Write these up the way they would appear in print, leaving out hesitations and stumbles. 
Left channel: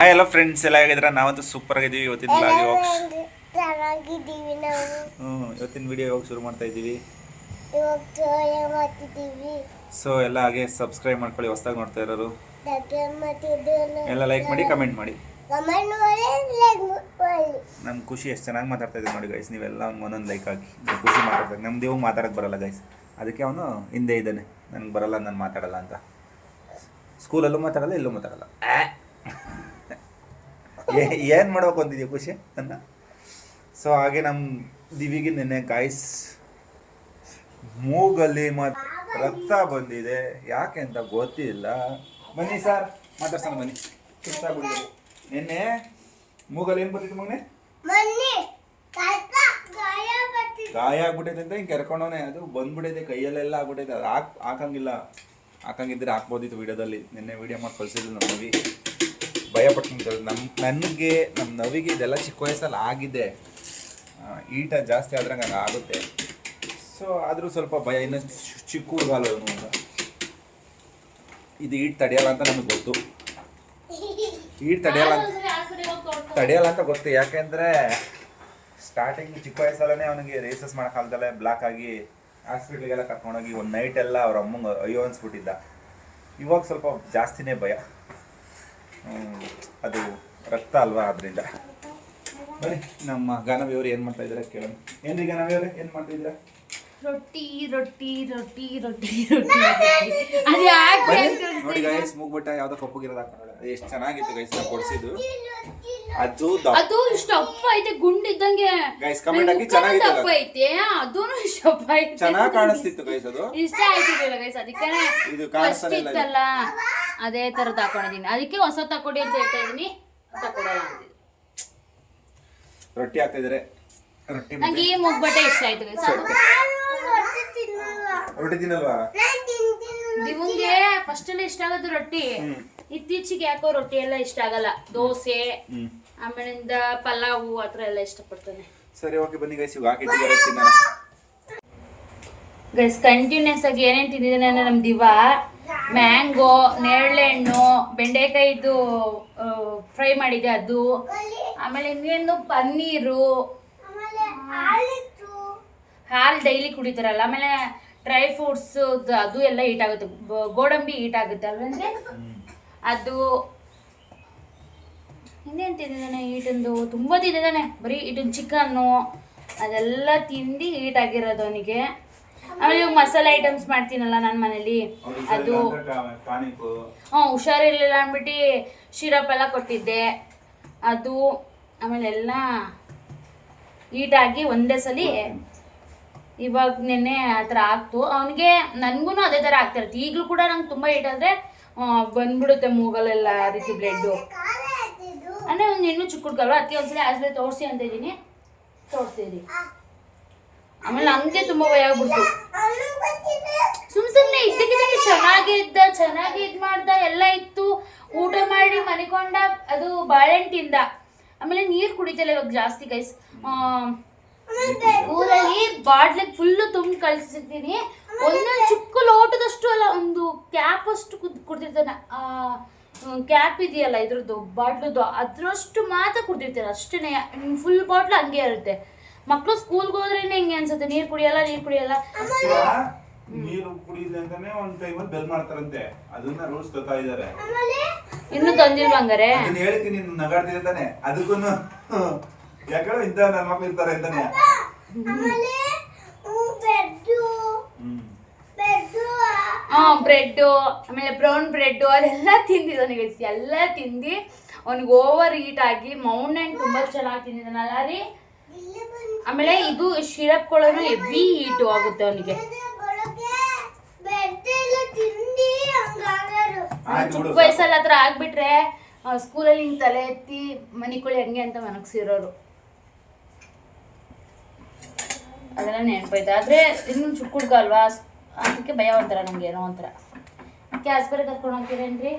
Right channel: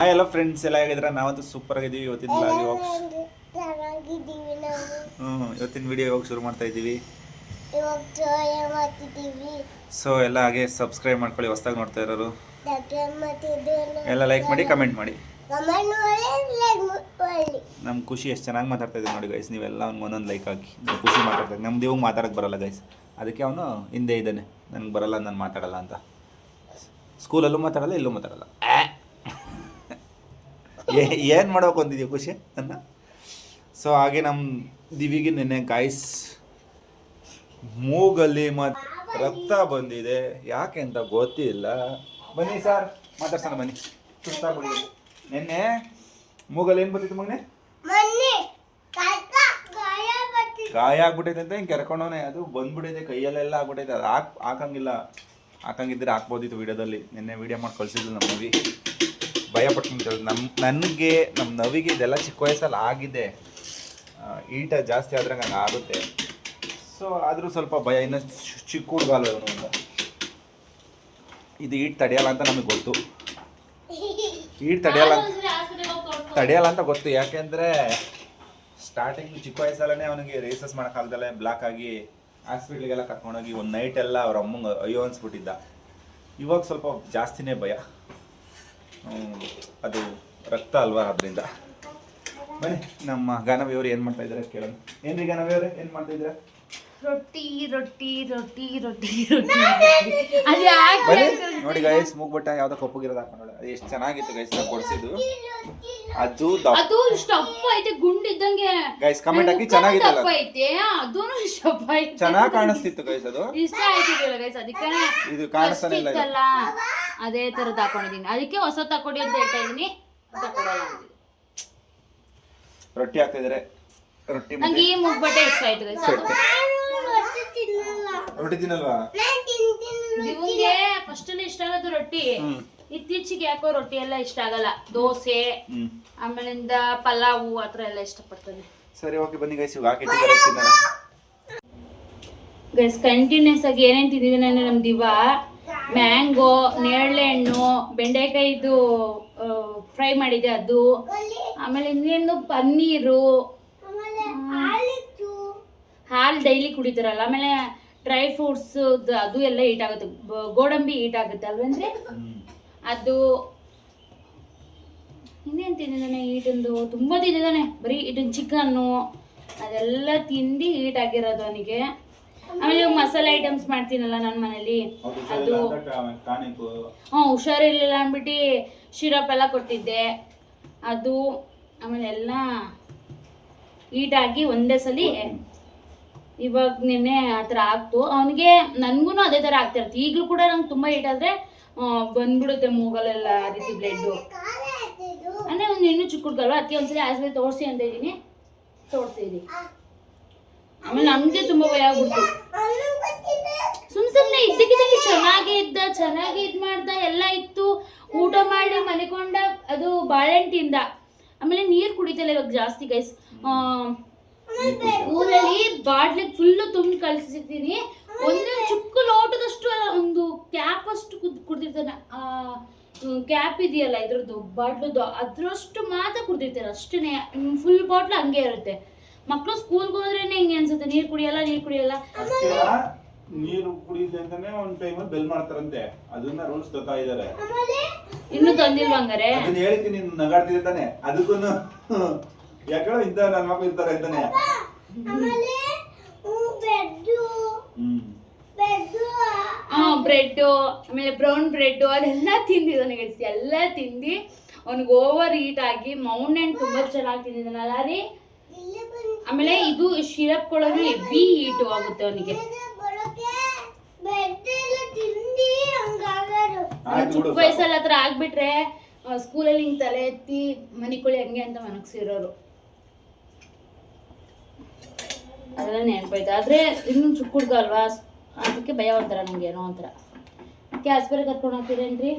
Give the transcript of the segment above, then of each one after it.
Hi hello friends, ಎಲ್ಲ ಹೇಗಿದ್ರೆ ನಾವಂತೂ super ಆಗಿದ್ದೀವಿ. ಇವತ್ತಿನ ಬ್ಲಾಗ್ ಇವತ್ತಿನ ವಿಡಿಯೋ ಇವಾಗ ಶುರು ಮಾಡ್ತಾ ಇದ್ದೀವಿ. ಸೊ ಎಲ್ಲ ಹಾಗೆ ಸಬ್ಸ್ಕ್ರೈಬ್ ಮಾಡ್ಕೊಳ್ಳಿ. ಹೊಸದಾಗಿ ನೋಡ್ತಾ ಇರೋರು ಎಲ್ಲ ಲೈಕ್ ಮಾಡಿ, ಕಮೆಂಟ್ ಮಾಡಿ. ನಮ್ಮ ಖುಷಿ ಎಷ್ಟು ಚೆನ್ನಾಗಿ ಮಾತಾಡ್ತಾ ಇದ್ದೀವಿ ನೋಡಿ ಗೈಸ್. ನೀವೆಲ್ಲ ಒಂದೊಂದು ಲೈಕ್ ಹಾಕಿ. ಖುಷಿ ಮಾತಾಡ್ತಾರೆ. ನಮ್ದು ಇವಾಗ ಮಾತಾಡೋಕ್ಕೆ ಬರಲ್ಲ ಗೈಸ್, ಅದಕ್ಕೆ ಅವನು ಹಿಂದೆ ಇದ್ದಾನೆ. ನನಗೆ ಬರಲ್ಲ, ನಾನು ಮಾತಾಡಲ್ಲ ಅಂತ. ಸ್ಕೂಲಲ್ಲೂ ಮಾತಾಡಲ್ಲ, ಇಲ್ಲೂ ಮಾತಾಡಲ್ಲ. ಏನು ಮಾಡ್ಬೇಕು ಅಂತಿದ್ಯಾ ಖುಷಿ ನನ್ನ? ಸೊ ಹಾಗೆ ನಮ್ಮ ದಿವಿಗೆ ನೆನ್ನೆ ಗಾಯ್ಸ್ ಮೂಗಲ್ಲಿ ರಕ್ತ ಬಂದಿದೆ. ಯಾಕೆ ಅಂತ ಗೊತ್ತಿಲ್ಲ. ಬನ್ನಿ ಸರ್ ಮಾತಾಡ್ಸೋಣ, ಬನ್ನಿ. ಸುಸ್ತಾಗ್ಬಿಟ್ಟಿದೆ. ನಿನ್ನೆ ಮೂಗಲ್ಲಿ ಏನು ಬಂದಿತ್ತು ಮಗನೇ? ಗಾಯ ಆಗ್ಬಿಟ್ಟೈತೆ ಅಂತ ಹಿಂಗೆ ಕೆರ್ಕೊಂಡವನೇ. ಅದು ಬಂದ್ಬಿಟ್ಟೈತೆ, ಕೈಯಲ್ಲೆಲ್ಲ ಆಗ್ಬಿಟ್ಟೈತೆ. ಅದು ಹಾಕಂಗಿದ್ರೆ ಹಾಕ್ಬೋದಿತ್ತು ವಿಡಿಯೋದಲ್ಲಿ. ನಿನ್ನೆ ವಿಡಿಯೋ ಮಾಡಿ ಕಳಿಸಿದ್ರು ನಮ್ಮ ಮೂವಿ. ಭಯಪಟ್ಟು ನನಗೆ ನಮ್ಮ ನವಿಗೆ ಇದೆಲ್ಲ ಚಿಕ್ಕ ವಯಸ್ಸಲ್ಲಿ ಆಗಿದೆ. ಈಟ ಜಾಸ್ತಿ ಆದ್ರೆ ಹಂಗೆ ಆಗುತ್ತೆ. ಸೊ ಆದರೂ ಸ್ವಲ್ಪ ಭಯ. ಇನ್ನೂ ಚಿಕ್ಕ ಹುಡುಗಲ್ಲ ಇವನು ಅಂತ. ಇದು ಈಟ್ ತಡೆಯಲ್ಲ ಅಂತ ನಮಗೆ ಗೊತ್ತು. ಈಟ್ ತಡೆಯಲ್ಲ ಅಂತ ಗೊತ್ತು. ಯಾಕೆಂದರೆ ಸ್ಟಾರ್ಟಿಂಗ್ ಚಿಕ್ಕ ವಯಸ್ಸಲ್ಲೇ ಅವನಿಗೆ ರೇಸಸ್ ಮಾಡೋಕ್ಕಾಗ್ದಲ್ಲೇ ಬ್ಲಾಕ್ ಆಗಿ ಹಾಸ್ಪಿಟ್ಲಿಗೆಲ್ಲ ಕರ್ಕೊಂಡೋಗಿ ಒಂದು ನೈಟೆಲ್ಲ ಅವ್ರ ಅಮ್ಮಂಗೆ ಅಯ್ಯೋ ಅನ್ಸ್ಬಿಟ್ಟಿದ್ದ. ಇವಾಗ ಸ್ವಲ್ಪ ಜಾಸ್ತಿನೇ ಭಯ. ಅದು ರಕ್ತ ಅಲ್ವಾ, ಅದರಿಂದ. ಬನ್ನಿ ನಮ್ಮ ಗಾನವಿಯವರು ಏನು ಮಾಡ್ತಾ ಇದ್ದಾರೆ ಕೇಳೋಣ. ಏನ್ರಿ ಗಾನವಿಯವರೇ, ಏನು ಮಾಡ್ತಾ ಇದ್ದೀರಾ? ರೊಟ್ಟಿ ರೊಟ್ಟಿ ರೊಟ್ಟಿ ರೊಟ್ಟಿ ನೋಡಿ ಗೈಸ್, ಮೂಗ್ಬಟ್ಟ ಯಾವ್ದೋ ಕಪ್ಪಗಿರೋದು ಹಾಕೊಂಡೋಳೆ. ಅದು ಎಷ್ಟು ಚೆನ್ನಾಗಿತ್ತು ಗೈಸ್, ನಾವು ಕೊಡಿಸಿದ್ದು. ಅದು ಸ್ಟಪ್ ಐತೆ, ಗುಂಡಿದ್ದಂಗೆ ಗೈಸ್. ಕಮೆಂಟ್ ಹಾಕಿ. ಚೆನ್ನಾಗಿತ್ತು ಐತೆ, ಅದು ಸ್ಟಪ್ ಐತೆ, ಚೆನ್ನಾಗಿ ಕಾಣಿಸ್ತಿತ್ತು ಗೈಸ್. ಅದು ಇಷ್ಟ ಆಯ್ತಿಲ್ಲ ಗೈಸ್, ಅದಕ್ಕೆ ಇದು ಕಾಣಿಸ್ತಾನಿಲ್ಲ. ಅದೇ ತರದ್ ಹಾಕೊಂಡಿದೀನಿ. ಅದಕ್ಕೆ ಹೊಸ ತಕೊಡಿ ಅಂತ ಹೇಳ್ತಾ ಇದೀನಿ. ತಕೊಡಲ್ಲ ಅಂತಿದ್ದೀನಿ. ರೊಟ್ಟಿ ಹಾಕಿದ್ರೆ ರೊಟ್ಟಿ ನಂಗೆ ಈ ಮೂಗ್ಬಟ್ಟೆ ಇಷ್ಟ ಆಯ್ತು ಗೈಸ್. ರೊಟ್ಟಿ ತಿನ್ನಲ್ವಾ? ನಿಮಗೆ ಫಸ್ಟ್ ಅಲ್ಲಿ ಇಷ್ಟ ಆಗೋದು ರೊಟ್ಟಿ. ಇತ್ತೀಚೆಗೆ ಯಾಕೋ ರೊಟ್ಟಿ ಎಲ್ಲ ಇಷ್ಟ ಆಗಲ್ಲ. ದೋಸೆ, ಆಮೇಲಿಂದ ಪಲಾವು ಆ ಥರ ಎಲ್ಲ ಇಷ್ಟಪಡ್ತಾನೆ. ಸರಿ, ಓಕೆ, ಬನ್ನಿ ಗೈಸ್. ಇವಾಗ ಹಾಕಿಟ್ಟಿದ್ದಾರೆ, ತಿನ್ನೋಣ ಗೈಸ್. ಕಂಟಿನ್ಯೂಸ್ ಆಗಿ ಏನೇನು ತಿಂದಿದ್ದೀನಿ ಅಂದರೆ ನಮ್ಮ ದಿವಾ ಮ್ಯಾಂಗೋ, ನೇರಳೆ ಹಣ್ಣು, ಬೆಂಡೆಕಾಯಿದು ಫ್ರೈ ಮಾಡಿದೆ ಅದು, ಆಮೇಲೆ ಇನ್ನೇನು ಪನ್ನೀರು, ಹಾಲು ಡೈಲಿ ಕುಡಿತಾರಲ್ಲ, ಆಮೇಲೆ ಡ್ರೈ ಫ್ರೂಟ್ಸ್ ಅದು ಎಲ್ಲ ಹೀಟ್ ಆಗುತ್ತೆ. ಗೋಡಂಬಿ ಹೀಟ್ ಆಗುತ್ತೆ ಅಲ್ವಂದ್ರೆ ಅದು. ಇನ್ನೇನು ತಿಂದಿದ್ದಾನೆ ಹೀಟಂದು? ತುಂಬ ತಿಂದಿದ್ದಾನೆ. ಬರೀ ಇದನ್ನು ಚಿಕನ್ನು ಅದೆಲ್ಲ ತಿಂದು ಹೀಟ್ ಆಗಿರೋದು ಅವನಿಗೆ. ಆಮೇಲೆ ಮಸಾಲೆ ಐಟಮ್ಸ್ ಮಾಡ್ತೀನಲ್ಲ ನಾನು ಮನೇಲಿ, ಅದು ಹುಷಾರಿರ್ಲಿಲ್ಲ ಅಂದ್ಬಿಟ್ಟು ಶಿರಪ್ ಎಲ್ಲ ಕೊಟ್ಟಿದ್ದೆ ಅದು. ಆಮೇಲೆ ಎಲ್ಲ ಹೀಟಾಗಿ ಒಂದೇ ಸಲ ಇವಾಗ ನೆನ್ನೆ ಆ ಥರ ಆಗ್ತು ಅವನಿಗೆ. ನನಗೂ ಅದೇ ಥರ ಆಗ್ತಾ ಇರುತ್ತೆ. ಈಗಲೂ ಕೂಡ ನಂಗೆ ತುಂಬ ಹೀಟಾದರೆ ಬಂದ್ಬಿಡುತ್ತೆ ಮೂಗಲೆಲ್ಲ ಆ ರೀತಿ ಬ್ಲಡ್ಡು. ಅಂದರೆ ಒಂದು ಇನ್ನೂ ಚಿಕ್ಕ ಹುಡುಗಲ್ವ, ಅದಕ್ಕೆ ಒಂದ್ಸಲ ಆಸ್ಪತ್ರೆ ತೋರಿಸಿ ಅಂತ ಇದ್ದೀನಿ, ತೋರಿಸಿದ್ದೀನಿ. ಆಮೇಲೆ ನಮಗೆ ತುಂಬ ಭಯ ಆಗ್ಬಿಡ್ತು. ಸುಮ್ಮನೆ ಇದ್ದಕ್ಕಿದ್ದಂಗೆ ಚೆನ್ನಾಗಿ ಇದು ಮಾಡ್ದ, ಎಲ್ಲ ಇತ್ತು. ಊಟ ಮಾಡಿ ಮನಿಕೊಂಡ, ಅದು ಬಾಳೆಹಣ್ಣು ತಿಂದ. ಆಮೇಲೆ ನೀರು ಕುಡಿತಲ್ಲ ಇವಾಗ ಜಾಸ್ತಿ ಗೈಸ್. ಊರಲ್ಲಿ ಬಾಟ್ಲಿಗೆ ಫುಲ್ಲು ತುಂಬಿ ಕಳಿಸಿರ್ತೀನಿ. ಒಂದೊಂದು ಚಿಕ್ಕ ಲೋಟದಷ್ಟು ಅಲ್ಲ, ಒಂದು ಕ್ಯಾಪ್ ಅಷ್ಟು ಕುಡ್ದಿರ್ತಾನೆ. ಕ್ಯಾಪ್ ಇದೆಯಲ್ಲ ಇದ್ರದ್ದು ಬಾಟ್ಲದ್ದು, ಅದ್ರಷ್ಟು ಮಾತ್ರ ಕುಡ್ದಿರ್ತಾರೆ ಅಷ್ಟೇ. ಫುಲ್ ಬಾಟ್ಲು ಹಂಗೆ ಇರುತ್ತೆ. ಮಕ್ಕಳು ಸ್ಕೂಲ್ಗೆ ಹೋದ್ರೇನೆ ಹಿಂಗೆ ಅನ್ಸುತ್ತೆ, ನೀರು ಕುಡಿಯಲ್ಲ. ನೀರು ಕುಡಿಯಿದೆ ಅಂತಾನೆ ಒಂದು ಟೈಮಲ್ಲಿ ಬೆಲ್ ಮಾಡ್ತಾರಂತೆ. ಅದನ್ನ ರೂಲ್ಸ್ ತರ್ತಾ ಇದ್ದಾರೆ. ಇನ್ನೂ ತಂದಿಲ್ವ ಹಂಗಾರೆ? ಅದನ್ನ ಹೇಳಿಕೆ ನೀನು ನಗಾಡ್ತಿರ್ತಾನೆ. ಅದಕ್ಕೂ ಯಾಕೋ ಇಂಥ ನನ್ನ ಮಕ್ಕಳು ಇರ್ತಾರೆ ಅಂತಾನೆ. ಬ್ರೆಡ್ಡು, ಆಮೇಲೆ ಬ್ರೌನ್ ಬ್ರೆಡ್ಡು ಅದೆಲ್ಲ ತಿಂದಿದ್ದಾನೆ. ಎಲ್ಲ ತಿಂದು ಅವನಿಗೆ ಓವರ್ ಹೀಟ್ ಆಗಿ ಮೌಂಟೇನ್ ತುಂಬ ಚೆನ್ನಾಗಿ ತಿಂದಿದ್ದಾನಲ್ಲ ರೀ. ಆಮೇಲೆ ಇದು ಶಿರಪ್ಗಳನ್ನು ಹೆವಿ ಹೀಟು ಆಗುತ್ತೆ ಅವನಿಗೆ. ಚಿಕ್ಕ ವಯಸ್ಸಲ್ಲಿ ಹತ್ರ ಆಗ್ಬಿಟ್ರೆ ಸ್ಕೂಲಲ್ಲಿ ಹಿಂಗೆ ತಲೆ ಎತ್ತಿ ಮನಿಕೊಳ್ಳಿ ಹಂಗೆ ಅಂತ ಮನಗ್ಸಿರೋರು. ಅದೆಲ್ಲ ನೆನಪಾಯ್ತು. ಆದರೆ ಇನ್ನೂ ಚಿಕ್ಕ ಹುಡುಗ ಅಲ್ವಾ, ಅದಕ್ಕೆ ಭಯ ಒಂಥರ ನಮ್ಗೆ, ಏನೋ ಒಂಥರ. ಅದಕ್ಕೆ ಆಸ್ಪತ್ರೆ ಕರ್ಕೊಂಡು ಹೋಗ್ತೀರೇನ್ರಿ?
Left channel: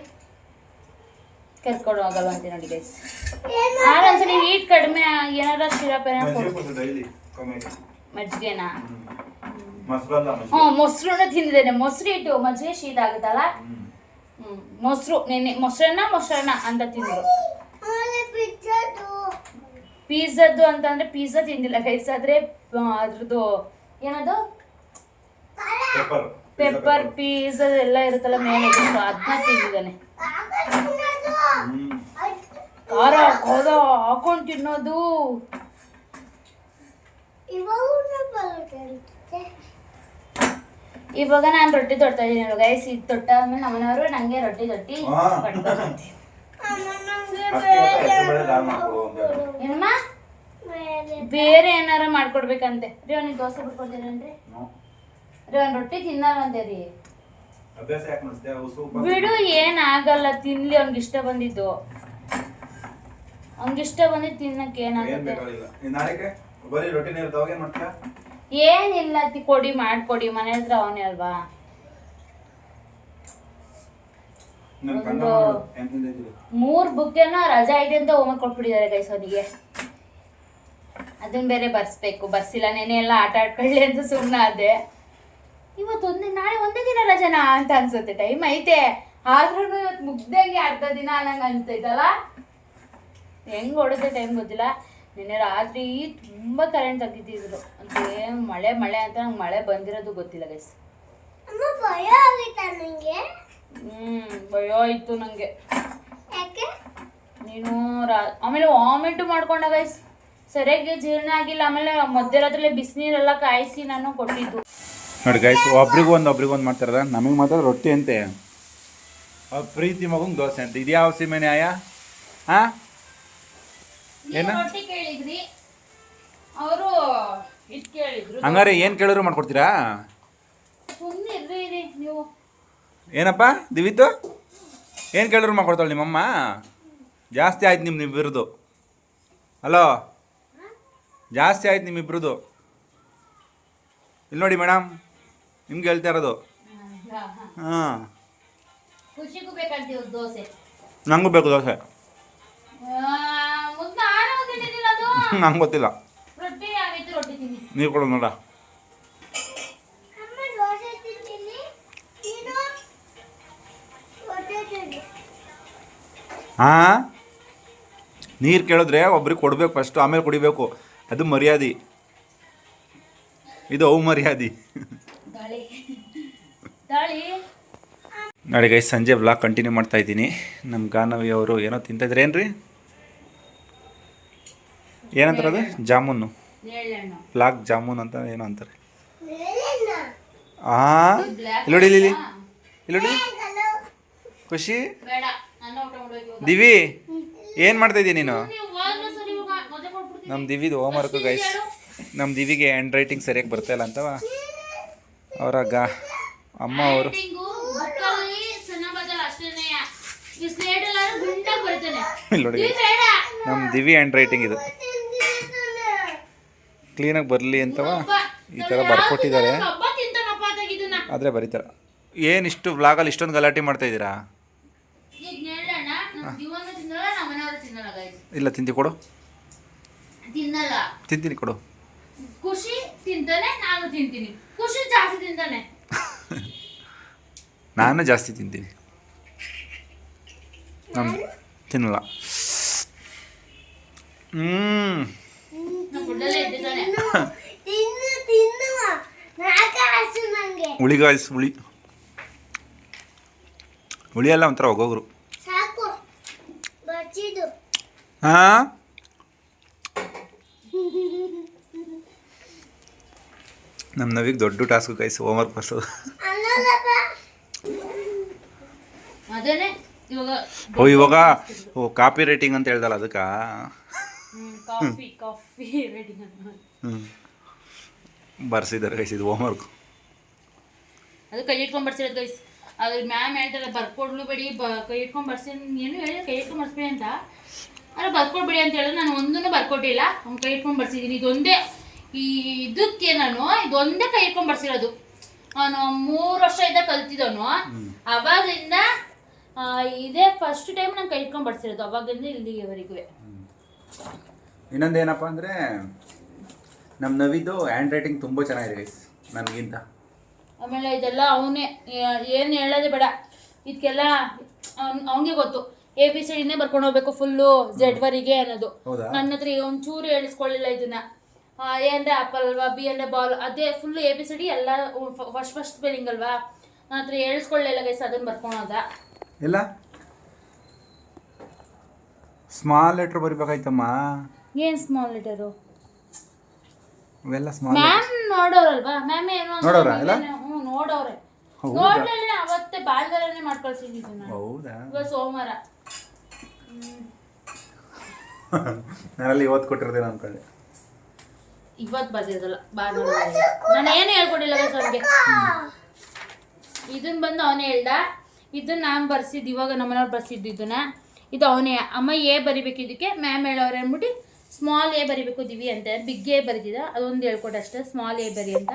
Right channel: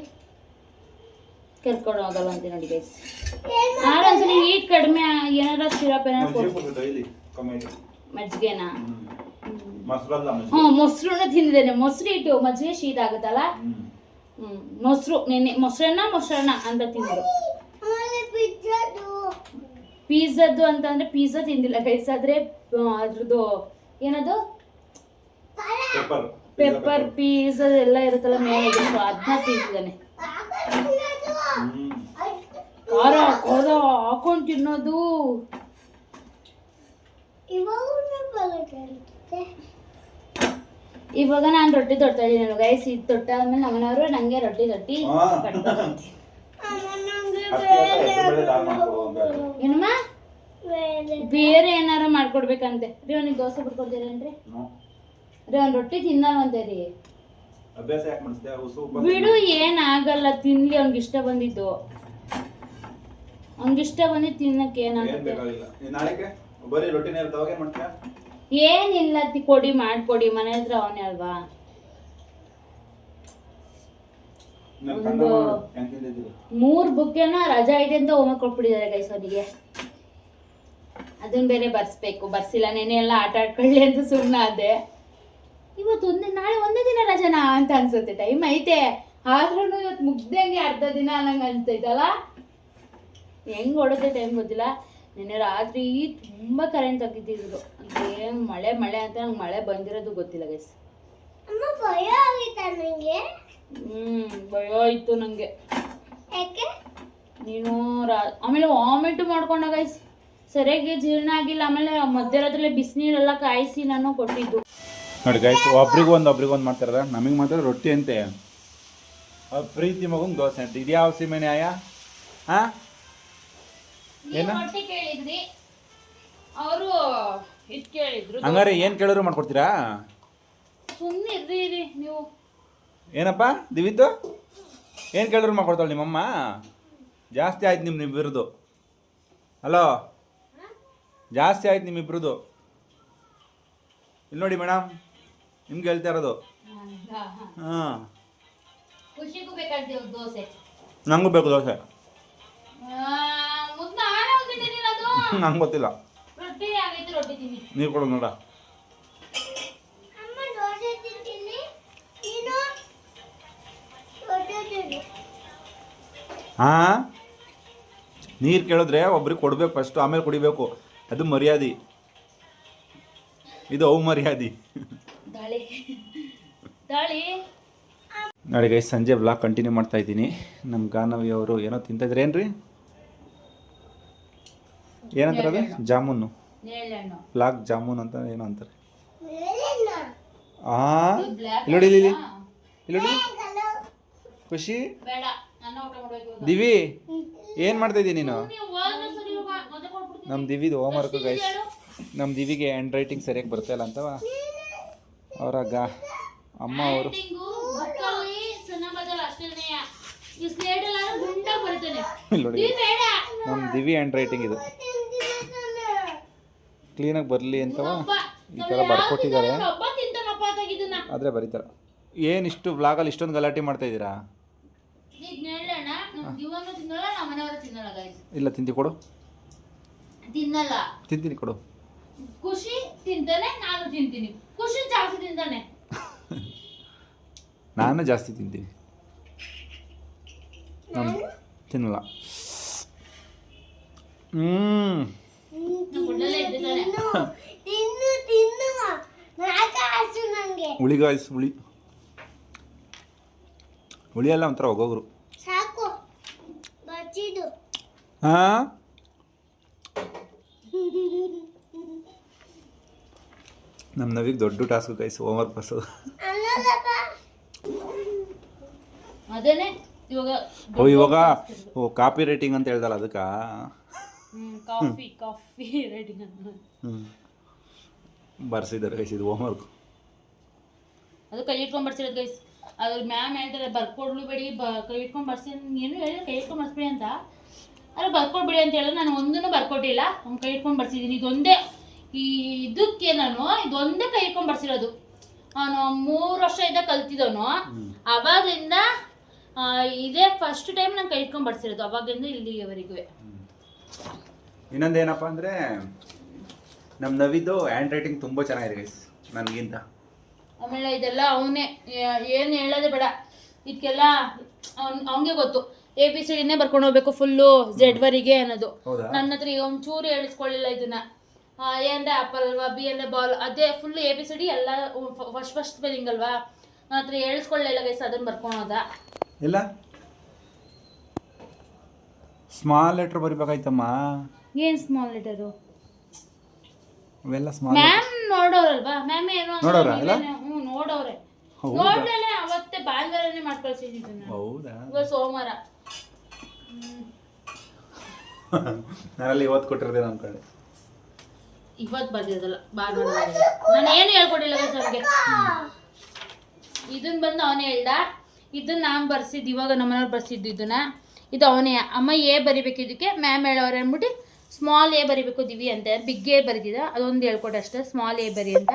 ಕರ್ಕೊಂಡು ಹೋಗಲ್ಲ ಅಂತೀನಿ ನೋಡಿ ಗೈಸ್. ಒಂದ್ಸಲಿ ಹೀಟ್ ಕಡಿಮೆ ಏನಾದ್ರು ಸಿರಪ್ ಮಜ್ಜಿಗೆನಾ? ಮೊಸರನ್ನ ತಿಂದಿದ್ದೇನೆ. ಮೊಸರು ಇಟ್ಟು ಮಜ್ಜಿಗೆ ಶೀತ ಆಗುತ್ತಲ್ಲ, ಮೊಸರು ನೆನ್ನೆ ಮೊಸರನ್ನ ಅಂತ ತಿಂದರು. ಪಿಜ್ಜಾದ್ದು ಅಂತಂದ್ರೆ ಪಿಜ್ಜಾ ತಿಂದಿಲ್ಲ ಗೈಸ್, ಆದ್ರೆ ಅದ್ರದ್ದು ಏನದು ಪೆಪ್ಪರ್ ಪೀಸ್ ಎಲ್ಲ ಇರುತ್ತಲ್ಲ ಮೇಲೆ ಅದನ್ನ ತಿಂದಿದ್ದಾನೆ. ಖಾರ ಖಾರ ಹಾಕೊಂಡು ತಿನ್ನೋದು. ಇವಾಗ ನಾನು ರೊಟ್ಟಿ ತೊಡ್ತಾ ಇದ್ದೀನಿ ಗೈಸ್. ಇದು ತೊಟ್ಟಾದ್ಮೇಲೆ ನಮ್ಮನವರು ನಂಗೆ ರೊಟ್ಟಿ ಏನಮ್ಮ ಬೇರೆ ಏನಾರ ಮಾಡ್ಕೊಡ್ಬೇಕಂತೆ ರೀ. ಅವ್ನಿಗೆ ದೋಸೆ ಬಿಟ್ಕೊಡ್ತೀರೇನ್ರಿ ರೀ? ಅವ್ನು ರೊಟ್ಟಿ ತಿನ್ನಲ್ವಂತೆ ರೀ. ಬಿಡು ಏನಾಗಲ್ಲ, ತಿನ್ಲಿ. ಅವ್ನಿಗೆ ಇಷ್ಟ ಬಂದಿದ್ದು ತಿನ್ನಕ್ಕೆ ಏನಾಗುತ್ತೆ? ಏನಿಲ್ಲ, ಕೊಡಿ ಮಾಡ್ಕೊಡಿ. ಮನೆ ಹತ್ರ ಅವನೇ ಅಲ್ವಾ. ಮೂರ್ ಬುಕ್ಕೆನ ರಜಾ ಇದೆ ಅಂತ ಹೋಮ್ವರ್ಕ್ ಕೊಟ್ಬಿಟ್ಟಿದ್ದಾರೆ ಗೈಸ್ ಅವನಿಗೆ. ಅದನ್ನ ಬೇರೆ ಬರ್ಸಿಲ್ಲ. ನೆನೆ ಎಲ್ಲ ಆಟ ಆಡ್ಕೊಳ್ಳಿ ಅಂತ ಸುಮ್ಮನೆ ಅದೇ. ಇವತ್ತು ನಾಳೆ ಒಂದೇ ದಿನ ರಜನಾ ಅಂತ ಅನ್ಸುತ್ತೆ. ಟೈಮ್ ಐತೆ ಆದ್ರೂ ಇವತ್ತು ಮುಗ್ದಂಗೆ ಅರ್ಧ ದಿನ ಅನ್ನಂಗೆ ಅನ್ಸ್ತೈತಲ್ಲ. ಹೆಂಗ್ ಹೊಡೆದ್ರೆ ಟೈಮ್ ಗೊತ್ತಿಲ್ಲ. ನಿನ್ನೆ ರಾತ್ರಿ ತುಂಬಾ ಕರೆಂಟ್ ತೆಗಿತಿದ್ರು. ಅಂದ್ರೆ ಮಳೆ ಅಂತ ನಂಗೆ ಮಳೆ ಬಂದಿರೋದು ಗೊತ್ತಿಲ್ಲ ಗೈಸ್. ಭಯ ಆಯ್ತು ನಂಗೆ. ನೀನು ಆಮೇಲೆ ವಾಮಿಟ್ ಮಾಡ್ಕೊಂಡ ಗೈಸ್, ಸರಿಯಾಗಿ ಜೀರ್ಣ ಆಗಿಲ್ಲ. ಆಮೇಲೆ ಮಧ್ಯರಾತ್ರಿ ಬಿಸಿನೀರೆಲ್ಲ ಕಾಯಿಸಿ ನಾನು ಕೊಟ್ಟಿದ್ದು ನೋಡಿ ಗೈಸ್. ಒಬ್ರಿಗೂ ಒಂದು ಮಾಡ್ತಾರದ. ನಮಗೆ ಮಾತ್ರ ರೊಟ್ಟಿ ಅಂತೆ, ಪ್ರೀತಿ ಮಗಂಗೆ ದೋಸೆ ಅಂತ. ಇದ್ಯಾವ ಸೀಮೆ ನ್ಯಾಯ? ಏನ ಕೇಳಿದ್ರಿ ಅವರು ಕೇಳಿದ್ರು. ಹಂಗಾರೆ ಏನು ಕೇಳಿದ್ರು ಮಾಡ್ಕೊಡ್ತೀರಾ? ಸುಮ್ಮನೆ ಇರ್ರಿ ನೀವು. ಏನಪ್ಪ ದಿವಿತು, ಏನು ಕೇಳಿದ್ರು ಮಾಡ್ಕೊಡ್ತಾಳೆ ನಿಮ್ಮಮ್ಮ? ಜಾಸ್ತಿ ಆಯ್ತು ನಿಮ್ಮಿಬ್ಬರದು. ಹಲೋ, ಜಾಸ್ತಿ ಆಯ್ತು ನಿಮ್ಮಿಬ್ಬರದು. ಇಲ್ಲಿ ನೋಡಿ ಮೇಡಮ್, ನಿಮ್ಗೆ ಹೇಳ್ತಾ ಇರೋದು. ಹಾಂ, ಖುಷಿಗೂ ಬೇಕಂತೀವಿ ದೋಸೆ. ನಂಗೂ ಬೇಕು ದೋಸೆ. ನಂಗೆ ಗೊತ್ತಿಲ್ಲ. ನೀರು ಕೊಡು ನೋಡ. ಹಾಂ, ನೀರು ಕೇಳಿದ್ರೆ ಒಬ್ರಿಗೆ ಕೊಡಬೇಕು ಫಸ್ಟು, ಆಮೇಲೆ ಕುಡಿಬೇಕು. ಅದು ಮರ್ಯಾದೆ. ಇದು ಮರ್ಯಾದೆ. ನೋಡಿ ಗೈಸ್, ಸಂಜೆ ವ್ಲಾಗ್ ಕಂಟಿನ್ಯೂ ಮಾಡ್ತಾ ಇದ್ದೀನಿ. ನಮ್ಮ ಗಾನವಿ ಅವರು ಏನೋ ತಿಂತಿದ್ರೆ ಏನ್ರಿ, ಏನಂತಾರೆ ಅದು? ಜಾಮೂನು, ಬ್ಲಾಕ್ ಜಾಮೂನ್ ಅಂತ ಏನೋ ಅಂತಾರೆ. ಇಲ್ಲೋಡಿ ಇಲ್ಲೋಡಿ ಖುಷಿ. ದಿವಿ, ಏನು ಮಾಡ್ತಾಯಿದ್ದೀನಿ ನೀನು? ನಮ್ಮ ದಿವಿದು ಹೋಮ್ವರ್ಕ್ ಗೈಸ್. ನಮ್ಮ ದಿವಿಗೆ ಹ್ಯಾಂಡ್ ರೈಟಿಂಗ್ ಸರಿಯಾಗಿ ಬರ್ತಾಯಿಲ್ಲ ಅಂತವ ಅವರಾಗ ಅಮ್ಮ ಅವರು. ಇಲ್ಲಿ ನೋಡಿ, ನಮ್ಮ ದಿವಿ ಹ್ಯಾಂಡ್ ರೈಟಿಂಗ್ ಇದು ಕ್ಲೀನಾಗಿ ಬರಲಿ ಅಂತವ ಈ ಥರ ಬರ್ಕೊಟ್ಟಿದ್ದಾರೆ. ಆದರೆ ಬರೀತಾರೆ. ಏನು ಇಷ್ಟು ವ್ಲಾಗಲ್ಲಿ ಇಷ್ಟೊಂದು ಗಲಾಟೆ ಮಾಡ್ತಾಯಿದ್ದೀರಾ? ಇಲ್ಲ, ತಿಂತಿ ಕೊಡು. ತಿಂತೀನಿ ಕೊಡು. ಖುಷಿ ತಿಂತಾನೆ, ನಾನು ತಿಂತೀನಿ. ಖುಷಿ ಜಾಸ್ತಿ ತಿಂತಾನೆ. ನಾನು ಜಾಸ್ತಿ ತಿಂತೀನಿ, ನಾನು ತಿನ್ನಲ್ಲ. ಹುಳಿ ಗಾಯ್ಸ್, ಹುಳಿ ಎಲ್ಲ ಒಂಥರ ಹೋಗೋರು. ಹಾಂ, ನಮ್ಮ ನವಿಗೆ ದೊಡ್ಡ ಟಾಸ್ಕ್ ಗೈಸ್ ಹೋಮ್ವರ್ಕ್ ಬರ್ಸೋದು. ಇವಾಗ ಕಾಪಿ ರೈಟಿಂಗ್ ಅಂತ ಹೇಳ್ದಲ್ಲ ಅದಕ್ಕೆ. ಬರ್ಸಿದ್ದಾರೆ ಗೈಸ್ ಇದು ಹೋಮ್ವರ್ಕ್. ಅದು ಕೈ ಇಟ್ಕೊಂಡು ಬರ್ಸಿರೋದು ಗೈಸ್. ಅದ್ರ ಮ್ಯಾಮ್ ಹೇಳ್ತಾರೆ ಬರ್ಕೊಡ್ಬೇಡಿ, ಕೈ ಇಟ್ಕೊಂಡು ಬರ್ಸಿ. ಏನು ಹೇಳಿ ಕೈ ಇಟ್ಕೊಂಡು ಬರ್ಸ್ಬಿಡಿ ಅಂತ. ಅಲ್ಲ ಬರ್ಕೊಡ್ಬೇಡಿ ಅಂತ ಹೇಳಿದ್ರೆ ನಾನು ಒಂದೂ ಬರ್ಕೊಟ್ಟಿಲ್ಲ. ಅವ್ನು ಕೈ ಇಟ್ಕೊಂಡು ಬರ್ಸಿದ್ದೀನಿ. ಇದೊಂದೇ ಇದಕ್ಕೆ ನಾನು ಇದೊಂದೇ ಕೈ ಇಟ್ಕೊಂಡು ಬರ್ಸಿರೋದು. ಅವನು 3 ವರ್ಷ ಇದ್ದ ಕಲ್ತಿದ್ದವನು. ಅವಾಗಲಿಂದ ಇದೇ ಫಸ್ಟ್ ಟೈಮ್ ನಾನು ಕೈ ಇಟ್ಕೊಂಡು ಬರ್ಸಿರೋದು. ಅವಾಗಿಂದ ಇಲ್ಲಿವರೆಗೂ. ಇನ್ನೊಂದೇನಪ್ಪ ಅಂದರೆ ನಮ್ಮ ನವಿದು ಹ್ಯಾಂಡ್ ರೈಟಿಂಗ್ ತುಂಬ ಚೆನ್ನಾಗಿದೆ ಗೈಸ್ ನನಗಿಂತ. ಆಮೇಲೆ ಇದೆಲ್ಲ ಅವನೇ ಏನು ಹೇಳೋದೇ ಬೇಡ. ಇದಕ್ಕೆಲ್ಲ ಅವನಿಗೆ ಗೊತ್ತು. ABCDನೇ ಬರ್ಕೊಂಡು ಹೋಗ್ಬೇಕು ಫುಲ್ಲು Z ಅನ್ನೋದು. ಹೌದಾ? ನನ್ನ ಹತ್ರ ಒಂಚೂರು ಹೇಳಿಸ್ಕೊಳ್ಳಿಲ್ಲ ಇದನ್ನ. A ಅಂದ್ರೆ ಆಪಲ್ ಅಲ್ವಾ, B ಅಂದ್ರೆ ಬಾಲ್, ಅದೇ ಫುಲ್ ABCD ಎಲ್ಲ ಫಸ್ಟ್ ಸ್ಪೆಲ್ಲಿಂಗ್ ಅಲ್ವಾ. ನನ್ನ ಹತ್ರ ಹೇಳಿಸ್ಕೊಳ್ಳಿಲ್ಲ ಗೈಸ್, ಅದನ್ನ ಬರ್ಕೊಳೋದ. ಇಲ್ಲ ಸ್ಮಾಲ್ ಲೆಟ್ರ್ ಬರಿಬೇಕಾಯ್ತಮ್ಮ. ಏನ್ ಸ್ಮಾಲ್ ಲೆಟರು? ಇವೆಲ್ಲ ಸ್ಮಾಲ್. ಮ್ಯಾಮ್ ನೋಡೋರಲ್ವಾ, ಮ್ಯಾಮ್ ಏನೋ ನೋಡೋರಾ ಎಲ್ಲ? ನೋಡೋರೆ. ಹೌದಾ? ನೋಡ್ಲೇನೆ ಅವತ್ತೇ ಭಾನುವಾರನೇ ಮಾಡ್ಕೊಳ್ಸಿದ್ದೀನಿ ನಾನು. ಹೌದಾ? ಇವಾಗ ಸೋಮವಾರ. ನಾನಲ್ಲಿ ಇವತ್ತು ಕೊಟ್ಟಿರೋದೇನು ಅನ್ಕೊಂಡೆ. ಇವತ್ತು ಬರ್ದಿರೋದಲ್ಲ, ಭಾನುವಾರ. ನಾನು ಏನು ಹೇಳ್ಕೊಟ್ಟಿಲ್ಲ ಅವ್ರಿಗೆ. ಇದನ್ನ ಬಂದು ಅವನೇ ಹೇಳ್ದ, ಇದನ್ನ ನಾನು ಬರ್ಸಿದ್ದು, ಇವಾಗ ನಮ್ಮನೆಯವ್ರು ಬರ್ಸಿದ್ದು ಇದನ್ನ. ಇದು ಅವನೇ ಅಮ್ಮ A ಬರಿಬೇಕಿದ್ದಕ್ಕೆ ಮ್ಯಾಮ್ ಹೇಳೋರು ಅಂದ್ಬಿಟ್ಟು ಸ್ಮಾಲ್ A ಬರಿಬೇಕು ದಿವಿ ಅಂತ. ಬಿಗ್ A ಬರೀತಿದ್ದ, ಅದೊಂದು ಹೇಳ್ಕೊಟ್ಟೆ ಅಷ್ಟೇ, ಸ್ಮಾಲ್ A ಬರಿ ಅಂತ.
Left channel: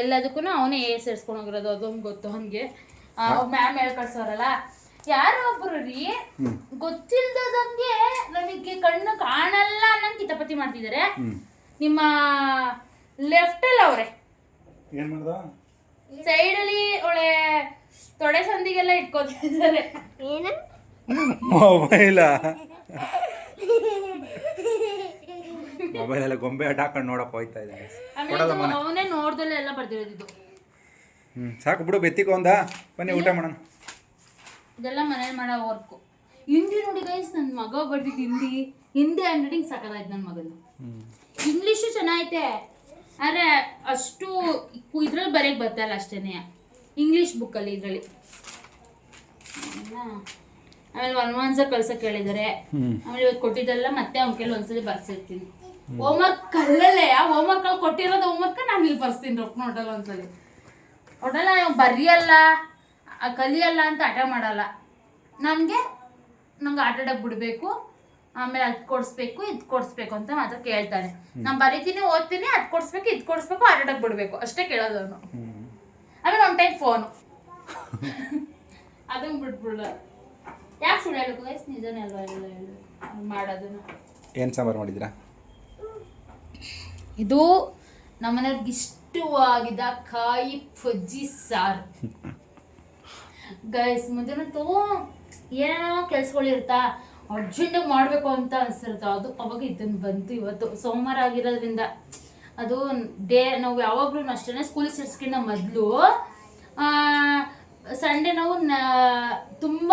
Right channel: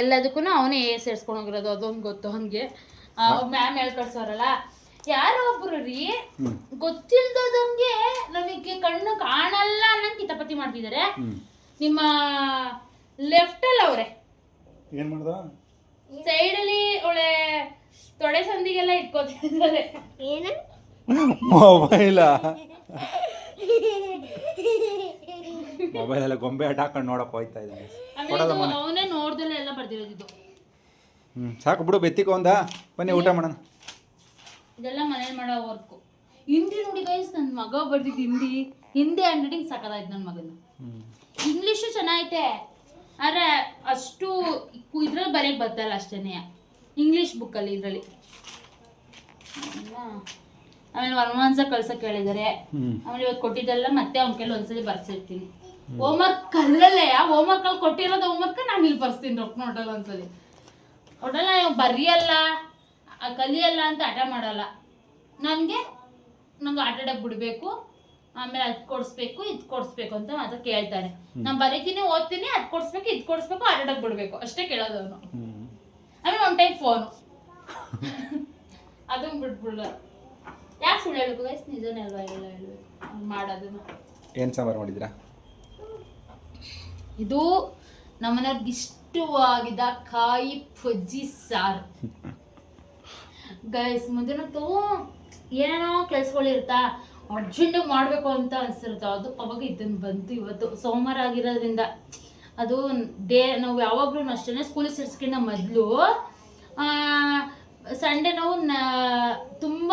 ಎಲ್ಲದಕ್ಕೂ ಅವನೇ A ಸೇರಿಸ್ಕೊಂಡು ಹೋಗಿರೋದು, ಅದೊಂದು ಗೊತ್ತು ಅವನಿಗೆ. ಮ್ಯಾಮ್ ಹೇಳ್ಕೊಡ್ಸೋರಲ್ಲ. ಯಾರೋ ಒಬ್ರು ರೀ ಗೊತ್ತಿಲ್ದಂಗೆ ನಮಗೆ ಕಣ್ಣು ಕಾಣಲ್ಲ ಅನ್ನಂಗೆ ಕಿತಾಪತಿ ಮಾಡ್ತಿದ್ದಾರೆ. ನಿಮ್ಮ ಲೆಫ್ಟಲ್ಲಿ ಅವರೇ ಏನು ಮಾಡ್ದ? ಸೈಡಲ್ಲಿ ಒಳ್ಳೆ ತೊಡೆ ಸಂದಿಗೆಲ್ಲ ಇಟ್ಕೊತಿದ್ದಾರೆ. ಏನು ಮೊಬೈಲಾ? ಮೊಬೈಲೆಲ್ಲ ಗೊಂಬೆ ಆಟ ಹಾಕೊಂಡು ನೋಡಕ್ಕೆ ಹೋಯ್ತಾ ಇದ್ದಾನೆ. ಅವನೇ ನೋಡ್ದಲ್ಲೇ ಎಲ್ಲ ಬರ್ದಿರೋದು. ಸಾಕು ಬಿಡು, ಬೆತ್ತಿಕೊಂದ ಬನ್ನಿ ಊಟ ಮಾಡೋಣ. ಇದೆಲ್ಲ ಮನೇಲಿ ಮಾಡೋ ವರ್ಕು. ಹಿಂದಿ ನೋಡಿ ಗೈಸ್, ನನ್ನ ಮಗ ಬರ್ದಿದ್ದು ಹಿಂದಿ ಹ್ಯಾಂಡ್ ರೈಟಿಂಗ್ ಸಕ್ಕದಾಯ್ತು ನನ್ನ ಮಗನು. ಇಂಗ್ಲೀಷು ಚೆನ್ನಾಗೈತೆ, ಆದರೆ ಅಷ್ಟು ಇದ್ರಲ್ಲಿ ಬರೆಯಕ್ಕೆ ಬರ್ತಲ್ಲ ಅಷ್ಟೇ ಇಂಗ್ಲೀಷ್ ಬುಕ್ಕಲ್ಲಿ. ಇದರಲ್ಲಿ ಆಮೇಲೆ ಒಂದ್ಸ ಕಳ್ಸಕ್ಕೆ ಹೇಳಿದ್ದಾರೆ. ಆಮೇಲೆ ಇವತ್ತು ಕೊಟ್ಟಿದ್ದೆಲ್ಲ ಮತ್ತೆ ಅವ್ನ ಕೈಲಿ ಒಂದ್ಸಲಿ ಬರ್ಸಿರ್ತೀನಿ. ಹೋಮ್ವರ್ಕ್ ಅಲ್ಲಲ್ಲೇ ಹೋಮ್ವರ್ಕಲ್ಲಿ ಕೊಟ್ಟಿರೋದು ಹೋಮ್ವರ್ಕ್ ನಾನು ಇಲ್ಲಿ ಬರ್ಸ್ತೀನಿ ನೋಟಲ್ಲ ಒಂದ್ಸಲಿ. ಒಟ್ಟಲ್ಲ ಬರೆಯಲ್ಲ ಕಲಿಯಲ್ಲ ಅಂತ ಹಠ ಮಾಡಲ್ಲ. ನಂಗೆ ಆಟಾಡಕ್ಕೆ ಬಿಡಬೇಕು, ಆಮೇಲೆ ಅದು ಕೊಡಿಸ್ಬೇಕು ಇದು ಕೊಡಿಸ್ಬೇಕು ಅಂತ ಮಾತ್ರ ಕೇಳ್ತಾನೆ. ನಾನು ಬರೀತೀನಿ ಓದ್ತೀನಿ, ಅದು ಕೊಡಿಸ್ಬೇಕು ಇದು ಕೊಡಿಸ್ಬೇಕು, ಆಟಾಡಕ್ಕೆ ಬಿಡಬೇಕು ಅಷ್ಟೇ ಕೇಳೋದು ಅವನು. ಆಮೇಲೆ ಒನ್ ಟೈಮ್ ಫೋನು ಅದನ್ನು ಬಿಟ್ಬಿಡ. ಯಾಕೆ ಸುಳ್ಳು ಹೇಳ್ಬೇಕು ಗೈಸ್, ನಿಜನೇ ಅಲ್ವಾ ಎಲ್ಲ ಹೇಳಬೇಕು ಮಾಡೋದನ್ನು. ಏನು ಸಾಂಬಾರು ಮಾಡಿದ್ದೀರಾ? ಇದು ನಮ್ಮನೆಯವ್ರಿಗೆ ಇಷ್ಟವಾಗಿದ್ದ ಕಾಯಿ ಪಜ್ಜಿ ಸಾರು ಗೈಸ್. ಮುಂದಿನಂತೂ ಏನೇನೋ ಕೆಲ್ಸಗಳಿರ್ತಾ ಅರ್ಜೆಂಟಾಗಿ ಮಾಡಬೇಕು ಅಂತ ಅನಿಸ್ತಿರ್ತಾವ, ಅದು ಅವಾಗ ಇದನ್ನು ಬಂತು. ಇವತ್ತು ಸೋಮವಾರ ಆಗಿರೋದ್ರಿಂದ ಅದು ನಾವು ಯಾವಾಗಲೂ ಅಷ್ಟೇ ಸ್ಕೂಲಿಗೆ ಸೇರಿಸ್ಕಿಂತ ಮೊದಲು ಸಂಡೇ ನಾವು ತುಂಬ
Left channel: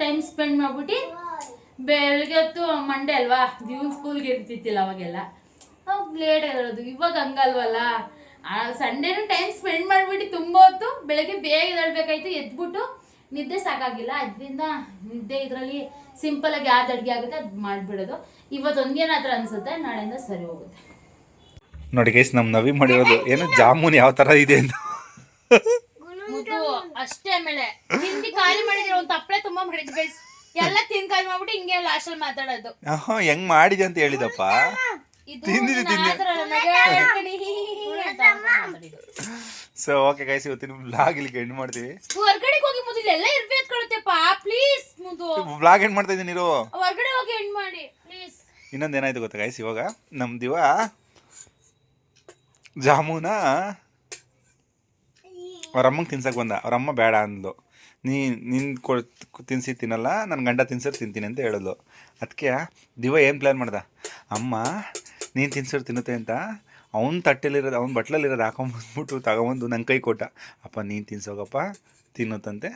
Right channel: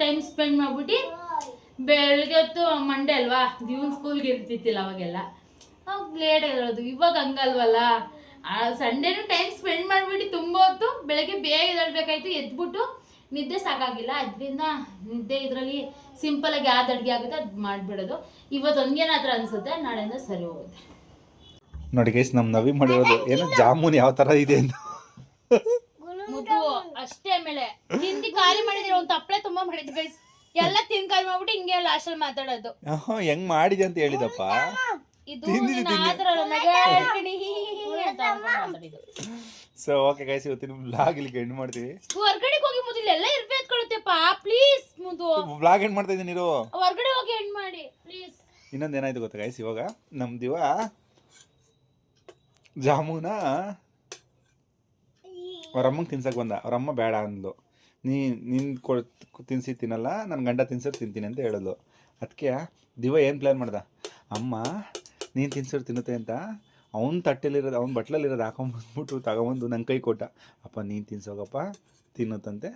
ಟೈಮ್ ಸ್ಪೆಂಡ್ ಮಾಡ್ಬಿಟ್ಟು ಬೆಳಗ್ಗೆ ಹೊತ್ತು ಮಂಡೇ ಅಲ್ವಾ ದಿವನ್ ಸ್ಕೂಲ್ಗೆ ಇರ್ತಿತ್ತಿಲ್ಲ ಅವಾಗೆಲ್ಲ, ಅವಾಗ ಲೇಟ್ ಆಗಿರೋದು. ಇವಾಗ ಹಂಗಲ್ವಲ್ಲ, ಸಂಡೇನೂ ಟೈಮ್ ಸ್ಪೆಂಡ್ ಮಾಡಿಬಿಟ್ಟು ತುಂಬ ಹೊತ್ತು ಬೆಳಗ್ಗೆ ಬೇಗ ಎದ್ದೇಳಬೇಕಾಯ್ತು, ಎದ್ಬಿಟ್ಟು ನಿದ್ದೆ ಸಾಕಾಗಿಲ್ಲ. ಅದರಿಂದ ನಿದ್ದೆ ಇದರಲ್ಲಿ ಸಿಂಪಲಾಗಿ ಯಾವ್ದು ಅಡುಗೆ ಆಗುತ್ತೆ ಅದು ಮಾಡಿಬಿಡೋದು. ಇವತ್ತು ಒಂದೇನಾದ್ರೂ ಅನಿಸುತ್ತೆ, ನಾಳೆಯಿಂದ ಸರಿ ಹೋಗುತ್ತೆ. ನೋಡಿ ಗೈಸ್, ನಮ್ಮ ನವಿ ಮಾಡಿರೋದು ಏನು ಜಾಮೂನ್ ಯಾವ ಥರ ಇದೆ ಅಂತ ಮುದ್ದು ಅಷ್ಟೇ. ಆಮೇಲೆ ತಿಂಡಿ ಖಾಲಿ ಮಾಡಿದ್ರೆ ಒಂದು ತಪ್ಪಲೆ ತುಂಬಾ ಮಾಡಿದ್ ಗೈಸ್, ಎಲ್ಲ ತಿಂದು ಖಾಲಿ ಮಾಡ್ಬಿಟ್ಟು ಹಿಂಗೆ ಲಾಸ್ಟಲ್ಲಿ ಮಾತಾಡೋದು. ಹೆಂಗ್ ಮಾಡಿದೆ ಅಂತ ಹೇಳಿದಪ್ಪ. ಸೊ ಓಕೆ ಗೈಸ್, ಇವತ್ತಿನ ವ್ಲಾಗ್ ಇಲ್ಲಿಗೆ ಎಂಡ್ ಮಾಡ್ತೀವಿ. ಹೊರಗಡೆಗೆ ಹೋಗಿ ಮುದ್ದು ಎಲ್ಲ ಇರ್ಬೇಕು ಕಳುತ್ತೆಪ್ಪ ಪ್ಲೀಸ್. ಮುದ್ದು ವ್ಲಾಗ್ ಎಂಡ್ ಮಾಡ್ತಾ ಇದ್ದೀನಿ, ಹೊರಗಡೆ ಹೋಗಿ ಎಂಡ್ ಮಾಡಿ ಪ್ಲೀಸ್. ಇನ್ನೊಂದು ಏನಾಯ್ತು ಗೊತ್ತಾ ಗೈಸ್, ಇವಾಗ ನಮ್ಮ ದಿವ ಜಾಮೂನ ಅವ್ರಮ್ಮಂಗೆ ತಿನ್ಸಕ್ಕೆ ಬಂದ. ಅವ್ರಮ್ಮ ಬೇಡ ಅಂದ್ಲು. ನಿನ್ನ ತಿನ್ಸಿ ತಿನ್ನಲ್ಲ, ನನ್ನ ಗಂಡ ತಿನ್ಸೋರು ತಿಂತೀನಿ ಅಂತ ಹೇಳಿದ್ಲು. ಅದಕ್ಕೆ ದಿವ ಏನು ಪ್ಲ್ಯಾನ್ ಮಾಡ್ದ, ಅಮ್ಮ ನೀನು ತಿನ್ಸೋರು ತಿನ್ನುತ್ತೆ ಅಂತ ಅವ್ನ ತಟ್ಟೆಲಿರೋದು ಅವ್ನ ಬಟ್ಲಲ್ಲಿರೋದು ಹಾಕೊಂಬಂದ್ಬಿಟ್ಟು ತಗೊಂಬಂದು ನನ್ನ ಕೈ ಕೊಟ್ಟ. ಅಪ್ಪ ನೀನು ತಿನ್ಸೋಗಪ್ಪ ತಿನ್ನುತ್ತಂತೆ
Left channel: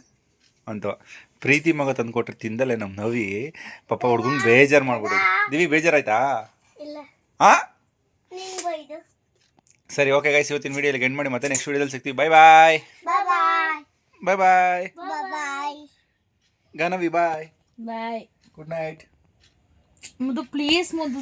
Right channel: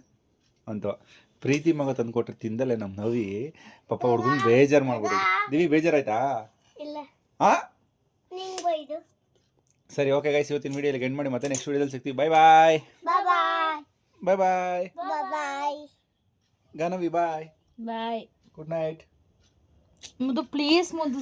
ಅಂತ. ಪ್ರೀತಿ ಮಗ ತಂದು ಕೊಟ್ಟರೆ ತಿಂದಲ್ಲೇ ನಮ್ಮ ನವಿ ಪಾಪ ಹುಡ್ಗಂಗೆ ಬೇಜಾರು ಮಾಡ್ಬಿಟ್ಟಿದೆ. ದಿವಿ ಬೇಜಾರಾಯ್ತಾ? ಹಾಂ ಸರಿ ಓಕೆ ಗೈಸ್, ಇವತ್ತಿನ ವಿಡಿಯೋಲಿ ಎಂಡ್ ಮಾಡಿ ಮತ್ತೆ ನೆಕ್ಸ್ಟ್ ವಿಡಿಯೋದಲ್ಲಿ ಸಿಗ್ತೀವಿ. Bye bye bye bye bye Ganavi bye bye. Good night. ಮುದ್ದು ಪ್ಲೀಸ್ ಮುದ್ದು.